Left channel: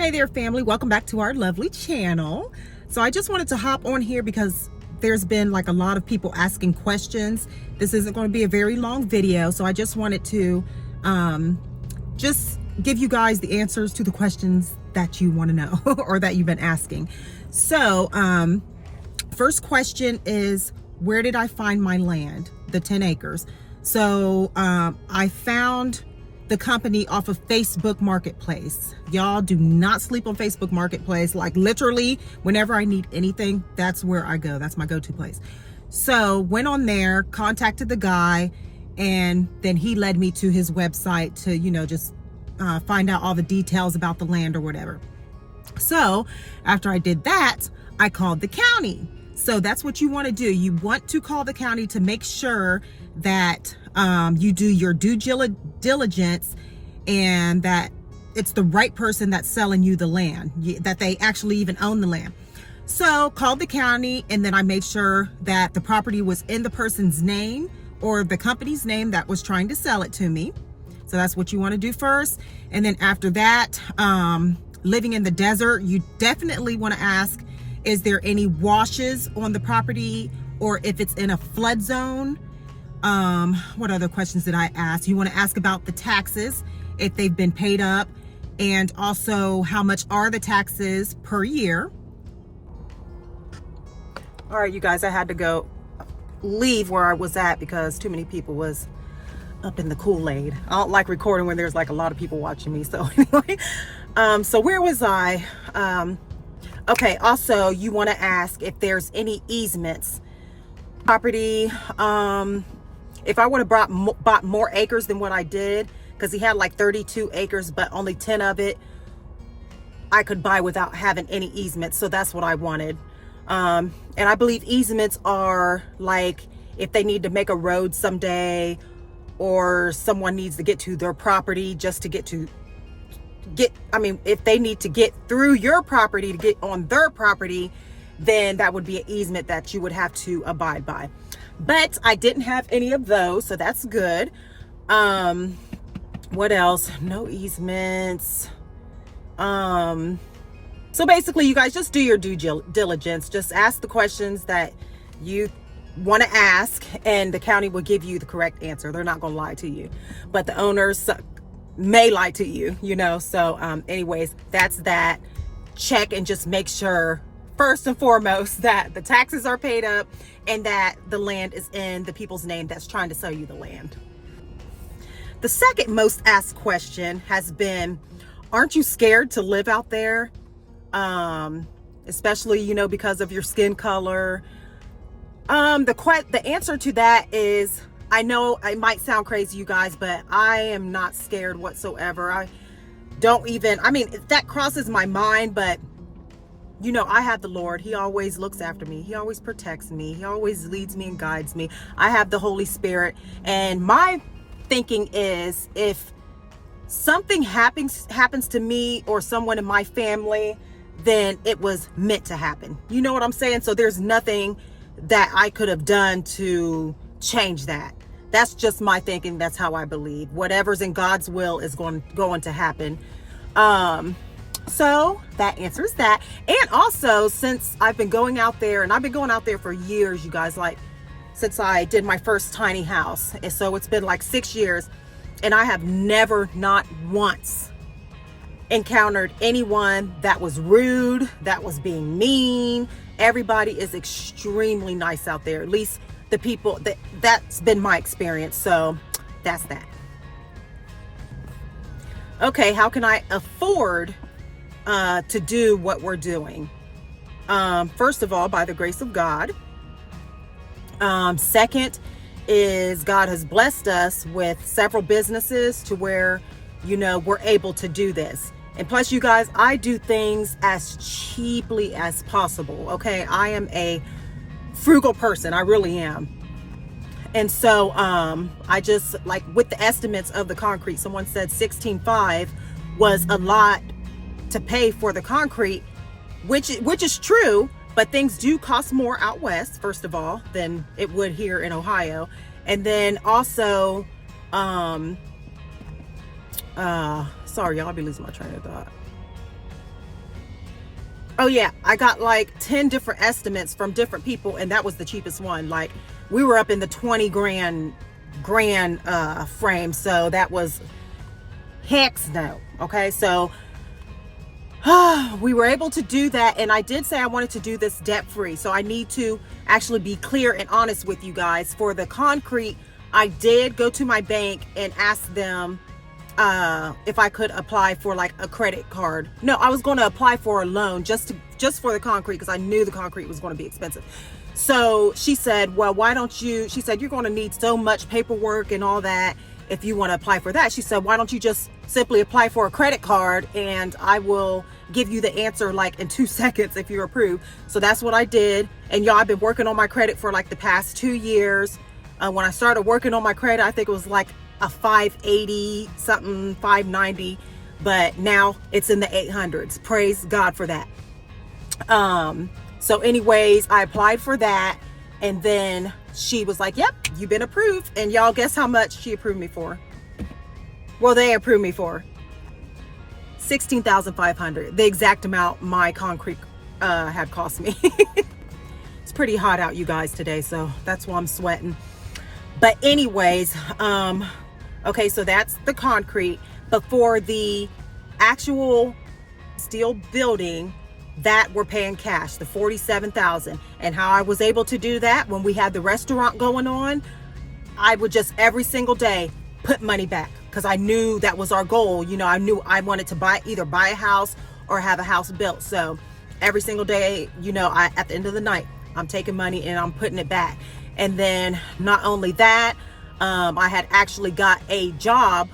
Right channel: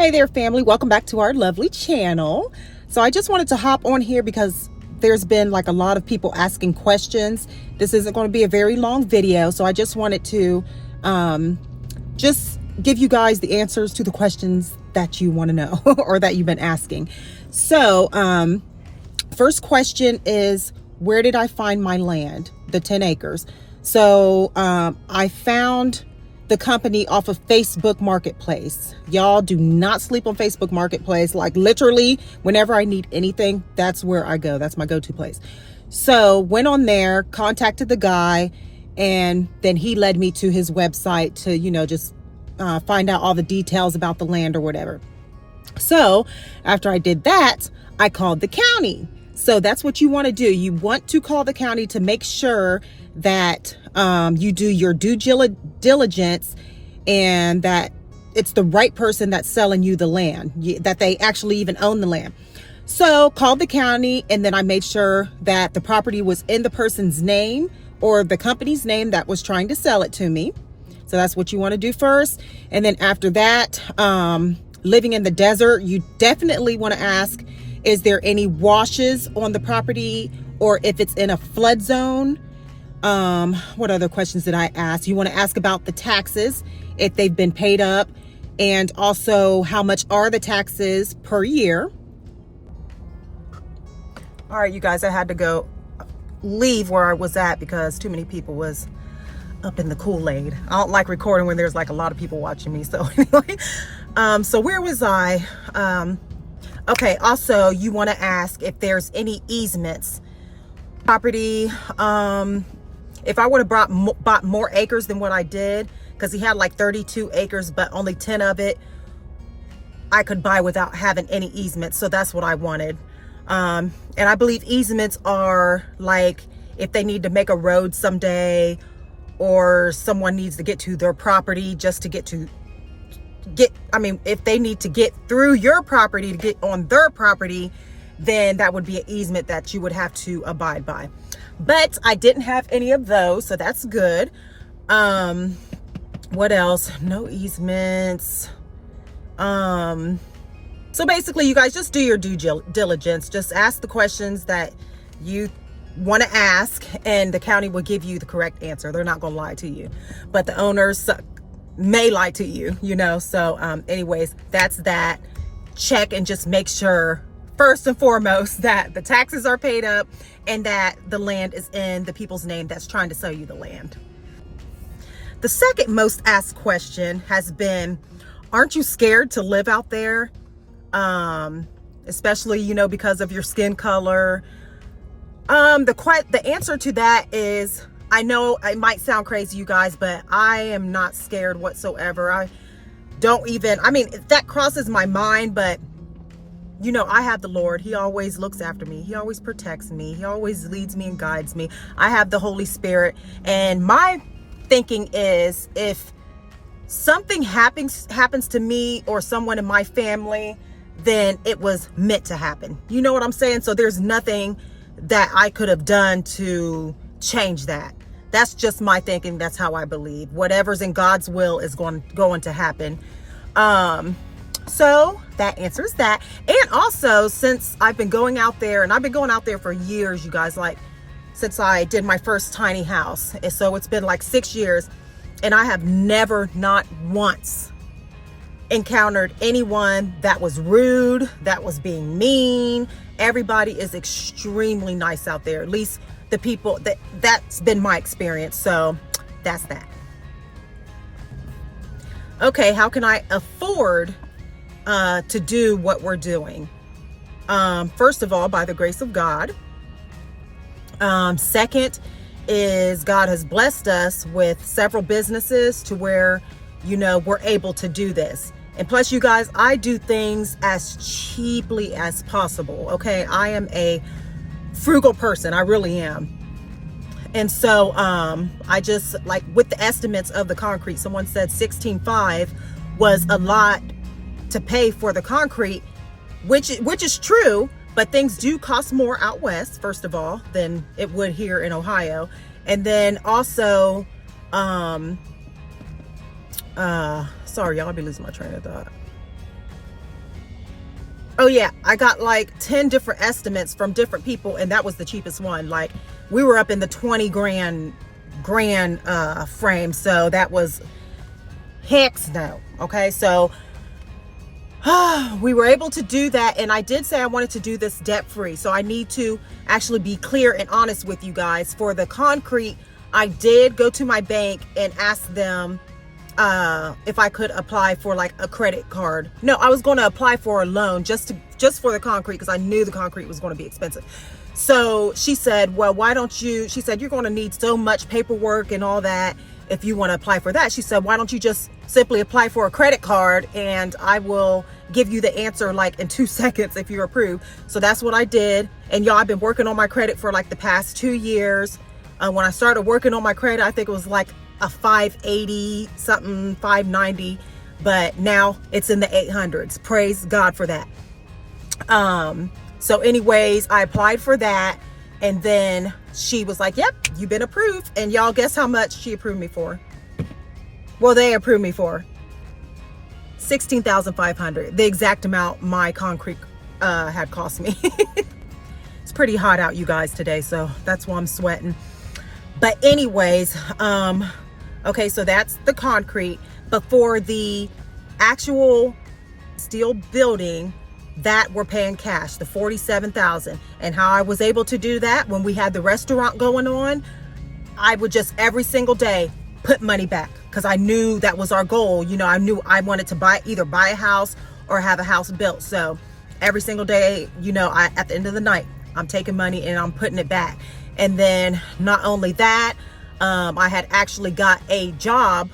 Hey there, family. Welcome back to our lovely channel. So I just wanted to hop on here because there's been like a lot of people asking questions. This isn't going to be a very long video, so I just wanted to just give you guys the answers to the questions that you want to know or that you've been asking. So first question is, where did I find my land, the 10 acres? So I found the company off of Facebook Marketplace. Y'all do not sleep on Facebook Marketplace. Like literally, whenever I need anything, that's where I go. That's my go-to place. So went on there, contacted the guy, and then he led me to his website to, just find out all the details about the land or whatever. So after I did that, I called the county. So that's what you want to do. You want to call the county to make sure that you do your due diligence and that it's the right person that's selling you the land, that they actually even own the land. So called the county, and then I made sure that the property was in the person's name or the company's name that was trying to sell it to me. So that's what you want to do first. And then after that, living in the desert, you definitely want to ask, is there any washes on the property, or if it's in a flood zone? What other questions did I ask? You want to ask about the taxes, if they've been paid up, and also how much are the taxes per year. All right, you guys, I had to leave where I was at because too many people was up in the Kool-Aid. I don't like recording when there's like a lot of people watching me. So anyway, so where was I? Okay, also you want to ask if there's any easements. Property, if I would have bought more acres than what I did, because he had like 32 acres, but only 10 of it I could buy without having any easements. So that's what I wanted. And I believe easements are like if they need to make a road someday, or someone needs to get to their property just to if they need to get through your property to get on their property, then that would be an easement that you would have to abide by. But I didn't have any of those, so that's good. What else? No easements. So basically, you guys just do your due diligence. Just ask the questions that you want to ask, and the county will give you the correct answer. They're not going to lie to you, but the owners may lie to you, So anyways, that's that. Check and just make sure, first and foremost, that the taxes are paid up and that the land is in the people's name that's trying to sell you the land. The second most asked question has been, aren't you scared to live out there? Especially, because of your skin color. The answer to that is, I know it might sound crazy, you guys, but I am not scared whatsoever. That crosses my mind, but I have the Lord. He always looks after me. He always protects me. He always leads me and guides me. I have the Holy Spirit. And my thinking is, if something happens to me or someone in my family, then it was meant to happen. You know what I'm saying? So there's nothing that I could have done to change that. That's just my thinking. That's how I believe. Whatever's in God's will is going to happen. So that answers that. And also, since I've been going out there, and I've been going out there for years, you guys, like since I did my first tiny house. And so it's been like 6 years, and I have never, not once, encountered anyone that was rude, that was being mean. Everybody is extremely nice out there. At least the people that's been my experience. So that's that. Okay, how can I afford to do what we're doing? First of all, by the grace of God. Second is, God has blessed us with several businesses to where, we're able to do this. And plus, you guys, I do things as cheaply as possible. Okay, I am a frugal person. I really am. And so I just, like, with the estimates of the concrete, someone said 16.5 was a lot to pay for the concrete, which is true, but things do cost more out west, first of all, than it would here in Ohio. And then also sorry, y'all, I'll be losing my train of thought. Oh yeah, I got like 10 different estimates from different people, and that was the cheapest one. Like, we were up in the 20 grand frame, so that was heck no. Okay, so we were able to do that, and I did say I wanted to do this debt free, so I need to actually be clear and honest with you guys. For the concrete, I did go to my bank and ask them if I could apply for like a credit card. No, I was going to apply for a loan just for the concrete, because I knew the concrete was going to be expensive. So she said, well, why don't you, she said, you're going to need so much paperwork and all that if you want to apply for that. She said, why don't you just simply apply for a credit card, and I will give you the answer like in 2 seconds if you're approved. So that's what I did. And y'all, I've been working on my credit for like the past 2 years. When I started working on my credit, I think it was like a 580 something, 590, but now it's in the 800s. Praise God for that. So anyways, I applied for that, and then she was like, yep, you've been approved. And y'all, guess how much she approved me for? Well, they approved me for $16,500, the exact amount my concrete had cost me. It's pretty hot out, you guys, today, so that's why I'm sweating. But anyways, okay, so that's the concrete. But for the actual steel building, that we're paying cash, the $47,000. And how I was able to do that, when we had the restaurant going on, I would just every single day put money back, because I knew that was our goal. You know, I knew I wanted to either buy a house or have a house built. So every single day, you know, at the end of the night, I'm taking money and I'm putting it back. And then not only that, I had actually got a job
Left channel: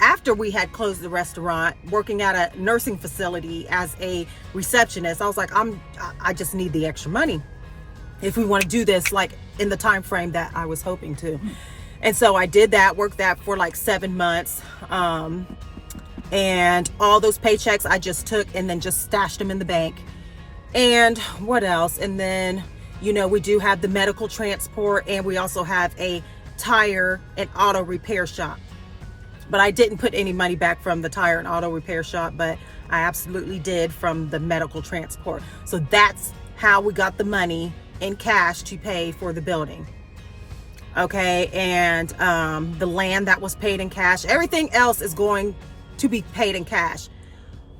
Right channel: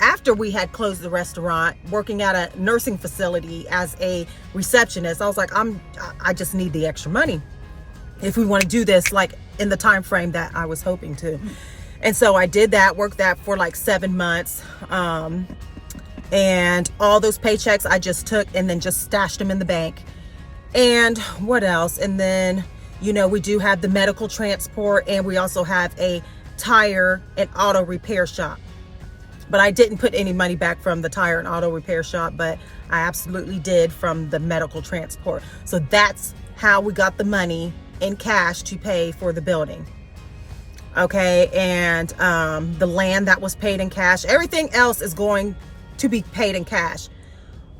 after we had closed the restaurant, working at a nursing facility as a receptionist. I was like, I just need the extra money if we want to do this like in the time frame that I was hoping to. And so I did that, worked that for like 7 months. And all those paychecks I just took and then just stashed them in the bank. And what else? And then, you know, we do have the medical transport, and we also have a tire and auto repair shop. But I didn't put any money back from the tire and auto repair shop, but I absolutely did from the medical transport. So that's how we got the money in cash to pay for the building. Okay, and the land that was paid in cash. Everything else is going to be paid in cash.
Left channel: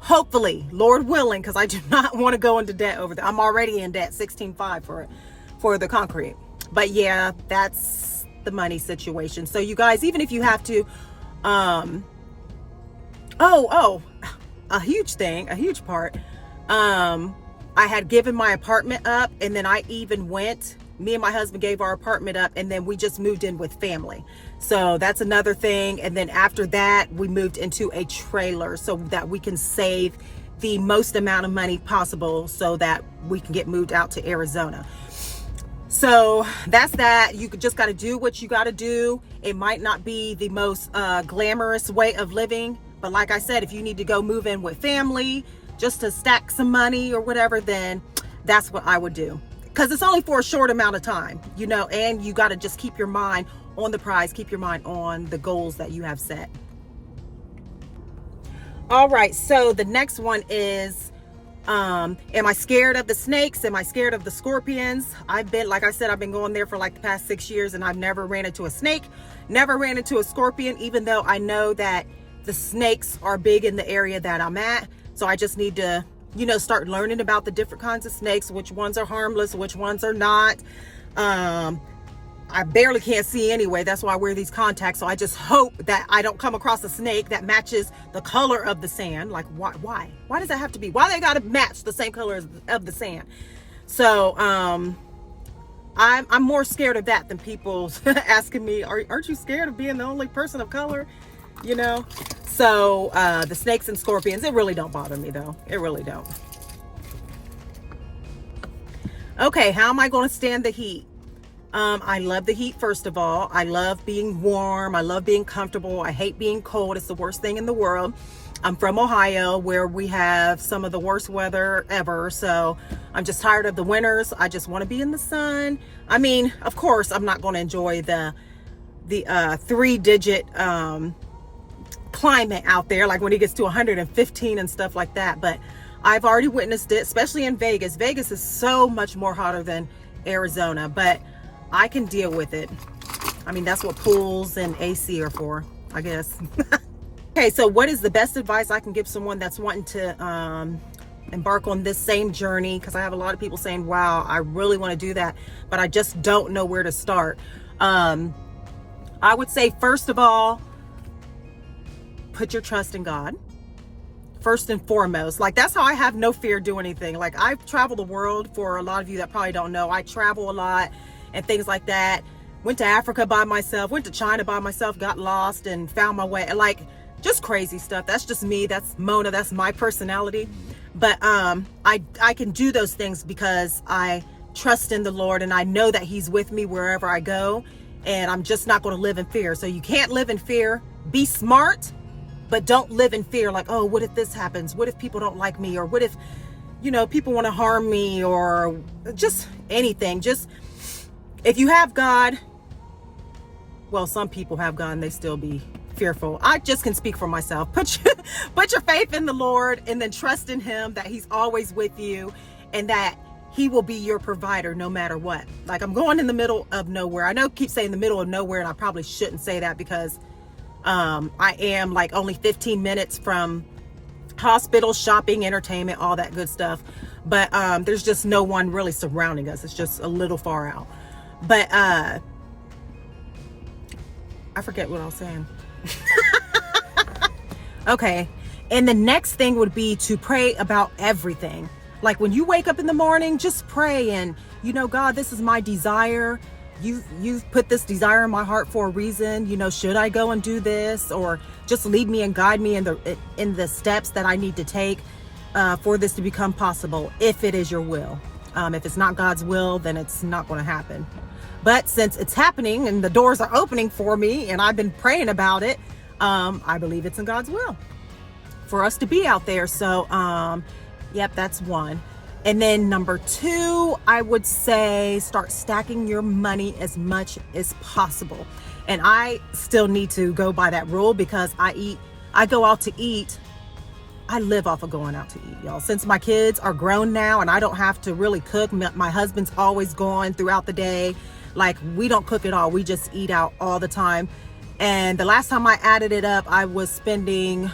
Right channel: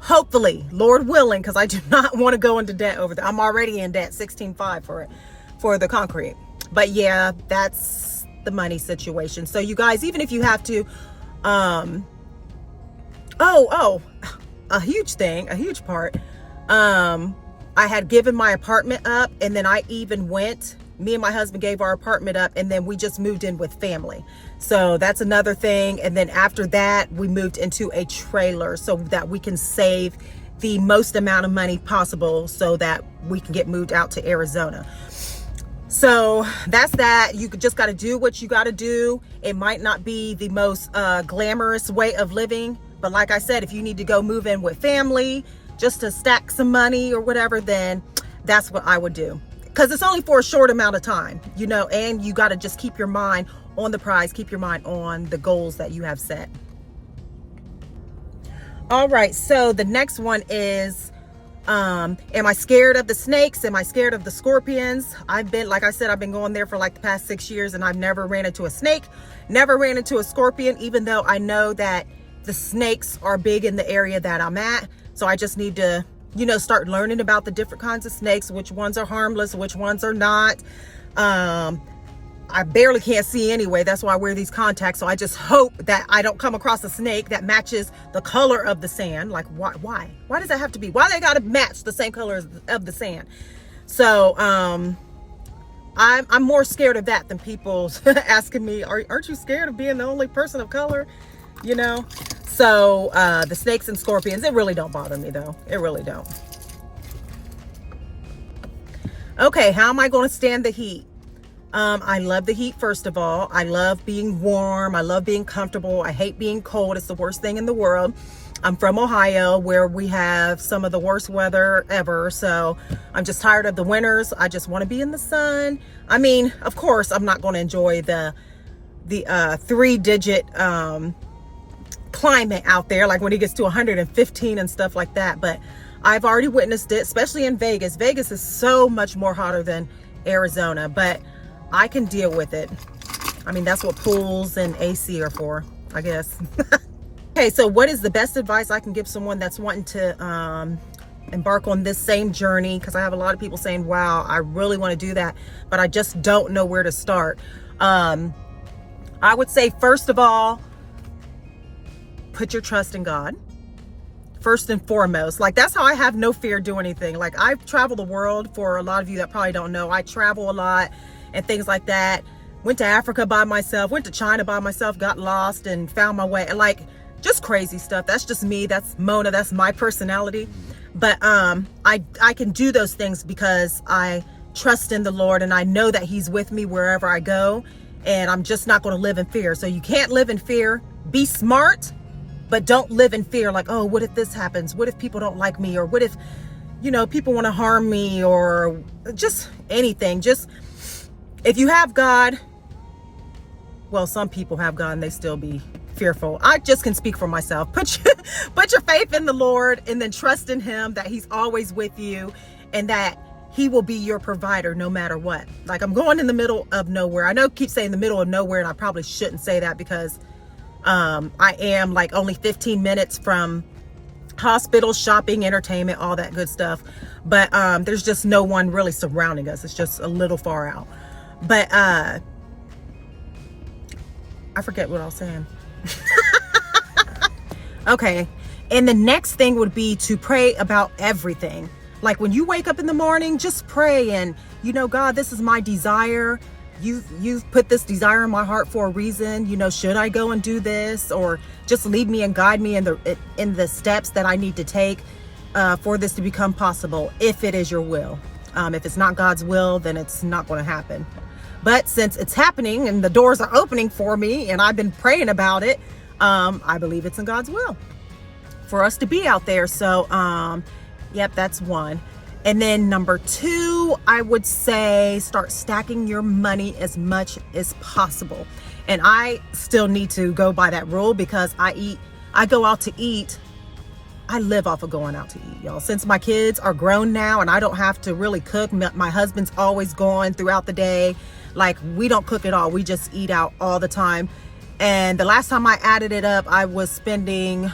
Hopefully, Lord willing, because I do not want to go into debt over there. I'm already in debt, $16,500 for the concrete. But yeah, that's the money situation. So you guys, even if you have to, a huge thing, a huge part. I had given my apartment up, and then I even me and my husband gave our apartment up, and then we just moved in with family. So that's another thing. And then after that, we moved into a trailer so that we can save the most amount of money possible so that we can get moved out to Arizona. So that's that. You just got to do what you got to do. It might not be the most glamorous way of living, but like I said, if you need to go move in with family just to stack some money or whatever, then that's what I would do. Because it's only for a short amount of time, you know, and you got to just keep your mind on the prize, keep your mind on the goals that you have set. All right, so the next one is, am I scared of the snakes? Am I scared of the scorpions? Like I said, I've been going there for like the past 6 years, and I've never ran into a snake, never ran into a scorpion, even though I know that the snakes are big in the area that I'm at. So I just need to, you know, start learning about the different kinds of snakes, which ones are harmless, which ones are not. I barely can't see anyway. That's why I wear these contacts. So I just hope that I don't come across a snake that matches the color of the sand. Like, why does that have to be? Why they got to match the same color of the sand? So, I'm more scared of that than people asking me, aren't you scared of being the only person of color? You know? So, the snakes and scorpions, it really don't bother me though. It really don't. Okay, how am I going to stand the heat? I love the heat, first of all. I love being warm. I love being comfortable. I hate being cold. It's the worst thing in the world. I'm from Ohio, where we have some of the worst weather ever. So I'm just tired of the winters. I just want to be in the sun. I mean, of course, I'm not going to enjoy the 3-digit climate out there, like when it gets to 115 and stuff like that. But I've already witnessed it, especially in Vegas. Vegas is so much more hotter than Arizona, but I can deal with it. I mean, that's what pools and AC are for, I guess. Okay, so what is the best advice I can give someone that's wanting to embark on this same journey? Because I have a lot of people saying, wow, I really want to do that, but I just don't know where to start. I would say, first of all, put your trust in God. First and foremost. Like, that's how I have no fear doing anything. Like, I've traveled the world. For a lot of you that probably don't know, I travel a lot and things like that. Went to Africa by myself, went to China by myself, got lost and found my way. Like, just crazy stuff. That's just me. That's Mona. That's my personality. But I can do those things because I trust in the Lord, and I know that He's with me wherever I go, and I'm just not going to live in fear. So you can't live in fear. Be smart, but don't live in fear. Like, oh, what if this happens? What if people don't like me? Or what if, you know, people want to harm me, or just anything. Just, if you have God, well, some people have God and they still be fearful. I just can speak for myself. Put your faith in the Lord, and then trust in Him that He's always with you, and that He will be your provider no matter what. Like, I'm going in the middle of nowhere. I know I keep saying the middle of nowhere, and I probably shouldn't say that, because I am like only 15 minutes from hospitals, shopping, entertainment, all that good stuff. But there's just no one really surrounding us. It's just a little far out. But I forget what I was saying. Okay. And the next thing would be to pray about everything. Like, when you wake up in the morning, just pray, and, you know, God, this is my desire. You've put this desire in my heart for a reason. You know, should I go and do this, or just lead me and guide me in the steps that I need to take for this to become possible, if it is your will. If it's not God's will, then it's not going to happen. But since it's happening and the doors are opening for me, and I've been praying about it, I believe it's in God's will for us to be out there. So, yep, that's one. And then number two, I would say start stacking your money as much as possible. And I still need to go by that rule, because I go out to eat. I live off of going out to eat, y'all. Since my kids are grown now and I don't have to really cook, my husband's always gone throughout the day. Like, we don't cook at all. We just eat out all the time. And the last time I added it up, I was spending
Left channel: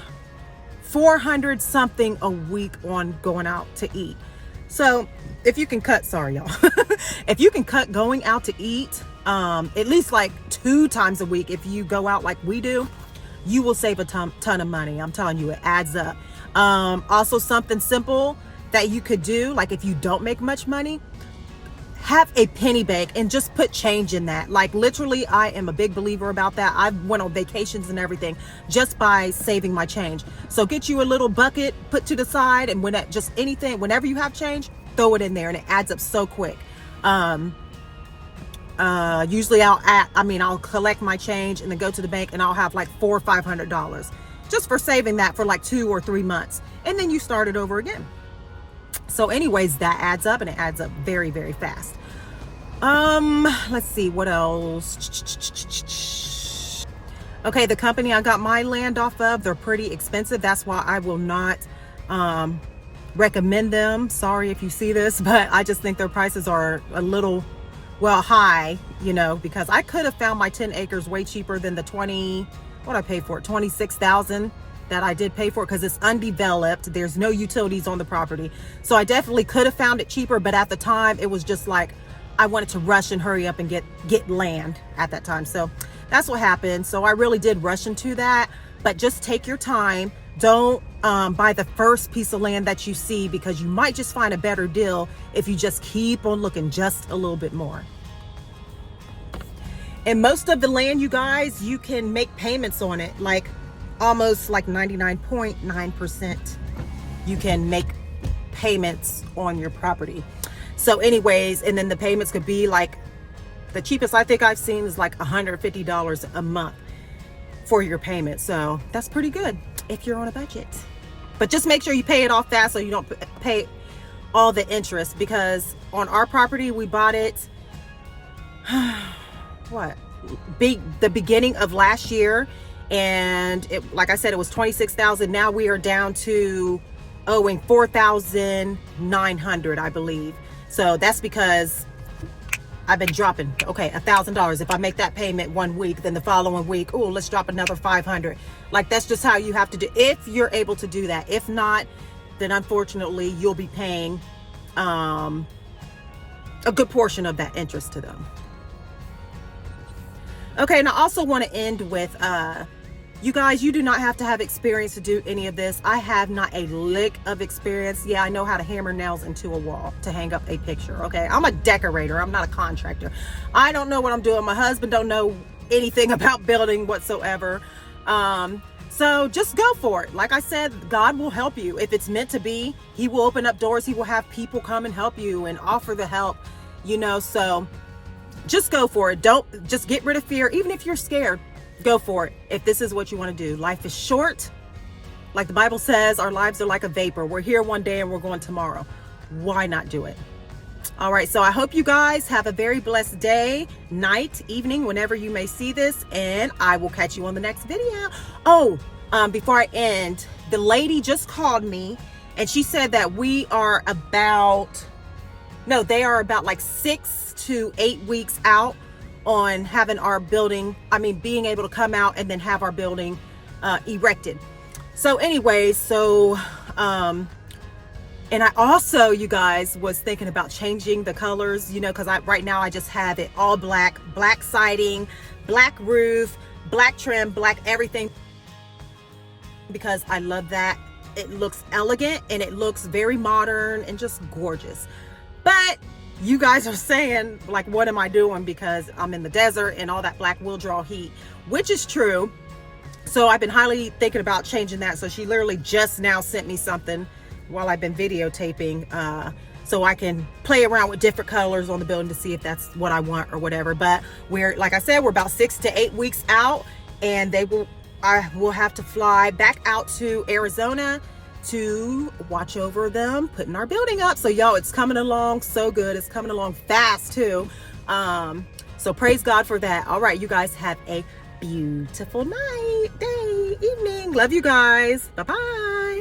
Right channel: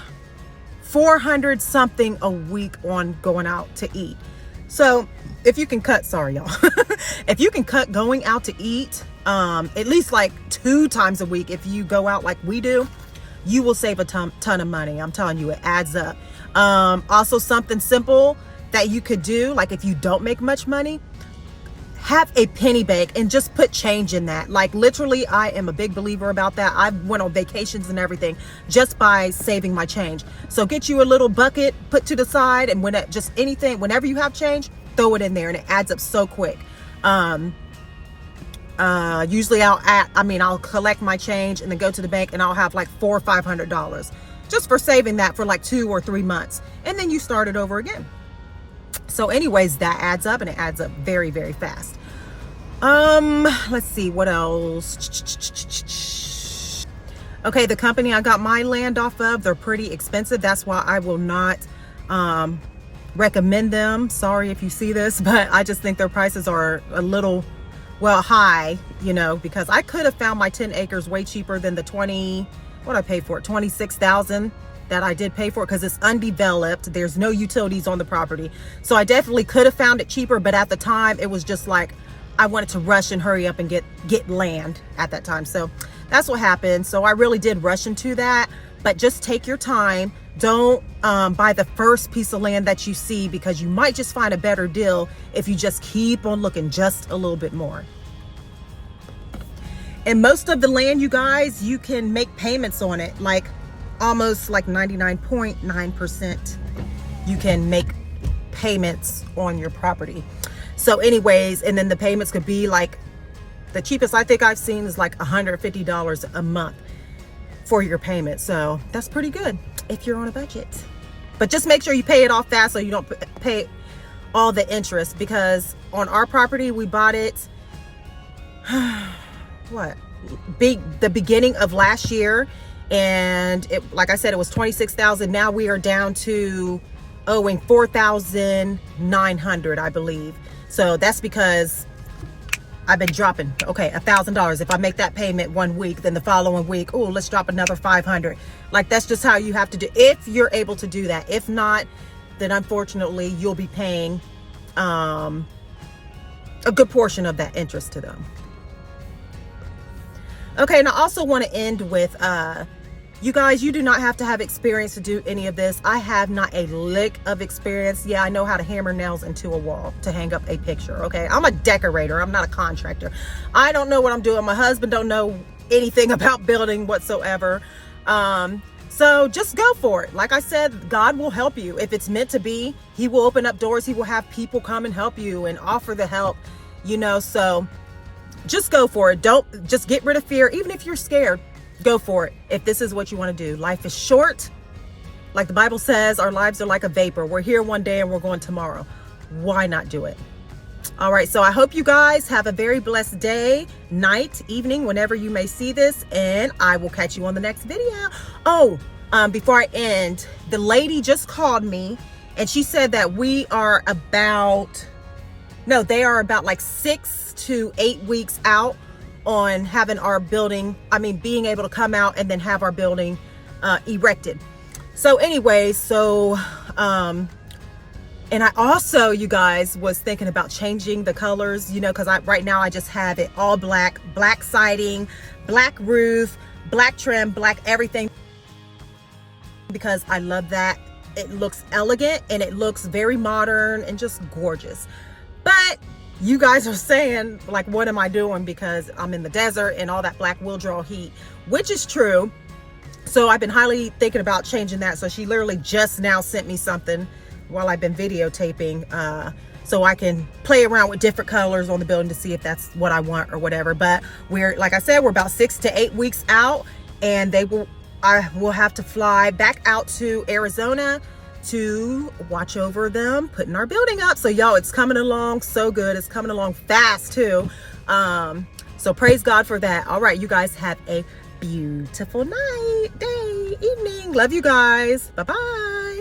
$400 something a week on going out to eat. So if you can cut, sorry y'all, if you can cut going out to eat, at least like 2 times a week, if you go out like we do, you will save a ton of money. I'm telling you, it adds up. Also, something simple that you could do, like if you don't make much money, have a penny bank and just put change in that. Like, literally, I am a big believer about that. I went on vacations and everything just by saving my change. So get you a little bucket, put to the side, and whenever you have change, throw it in there, and it adds up so quick. Usually I'll collect my change and then go to the bank, and I'll have like $400 or $500 just for saving that for like 2 or 3 months. And then you start it over again. So anyways, that adds up, and it adds up very, very fast. Let's see, what else? Okay, the company I got my land off of, they're pretty expensive. That's why I will not recommend them. Sorry if you see this, but I just think their prices are a little, well, high, you know, because I could have found my 10 acres way cheaper than the what I paid for it, $26,000 that I did pay for it, because it's undeveloped. There's no utilities on the property. So I definitely could have found it cheaper, but at the time it was just like I wanted to rush and hurry up and get land at that time. So that's what happened. So I really did rush into that, but just take your time. Don't buy the first piece of land that you see, because you might just find a better deal if you just keep on looking just a little bit more. And most of the land, you guys, you can make payments on it, like almost like 99.9%. You can make payments on your property. So anyways, and then the payments could be like, the cheapest I think I've seen is like $150 a month for your payment. So that's pretty good if you're on a budget. But just make sure you pay it off fast so you don't pay all the interest, because on our property, we bought it the beginning of last year, and it, like I said, it was $26,000. Now we are down to owing $4,900, I believe. So that's because I've been dropping, okay, $1,000. If I make that payment one week, then the following week, oh, let's drop another 500. Like, that's just how you have to do, if you're able to do that. If not, then unfortunately you'll be paying a good portion of that interest to them. Okay, and I also want to end with, you guys, you do not have to have experience to do any of this. I have not a lick of experience. Yeah, I know how to hammer nails into a wall to hang up a picture, okay? I'm a decorator. I'm not a contractor. I don't know what I'm doing. My husband don't know anything about building whatsoever. So just go for it. Like I said, God will help you. If it's meant to be, he will open up doors. He will have people come and help you and offer the help, you know, so just go for it. Don't, just get rid of fear. Even if you're scared, go for it. If this is what you want to do. Life is short. Like the Bible says, our lives are like a vapor. We're here one day and we're going tomorrow. Why not do it? All right. So I hope you guys have a very blessed day, night, evening, whenever you may see this. And I will catch you on the next video. Oh, before I end, the lady just called me and she said that they are about like 6 to 8 weeks out on having our building, being able to come out and then have our building erected. So anyways, and I also, you guys, was thinking about changing the colors, you know, because right now I just have it all black siding, black roof, black trim, black everything, because I love that. It looks elegant and it looks very modern and just gorgeous. But you guys are saying, like, what am I doing? Because I'm in the desert and all that black will draw heat, which is true. So I've been highly thinking about changing that. So she literally just now sent me something while I've been videotaping, so I can play around with different colors on the building to see if that's what I want or whatever. But like I said, we're about 6 to 8 weeks out, and I will have to fly back out to Arizona to watch over them putting our building up. So y'all, it's coming along so good. It's coming along fast too. So praise God for that. All right, you guys have a beautiful night, day, evening. Love you guys. Bye-bye.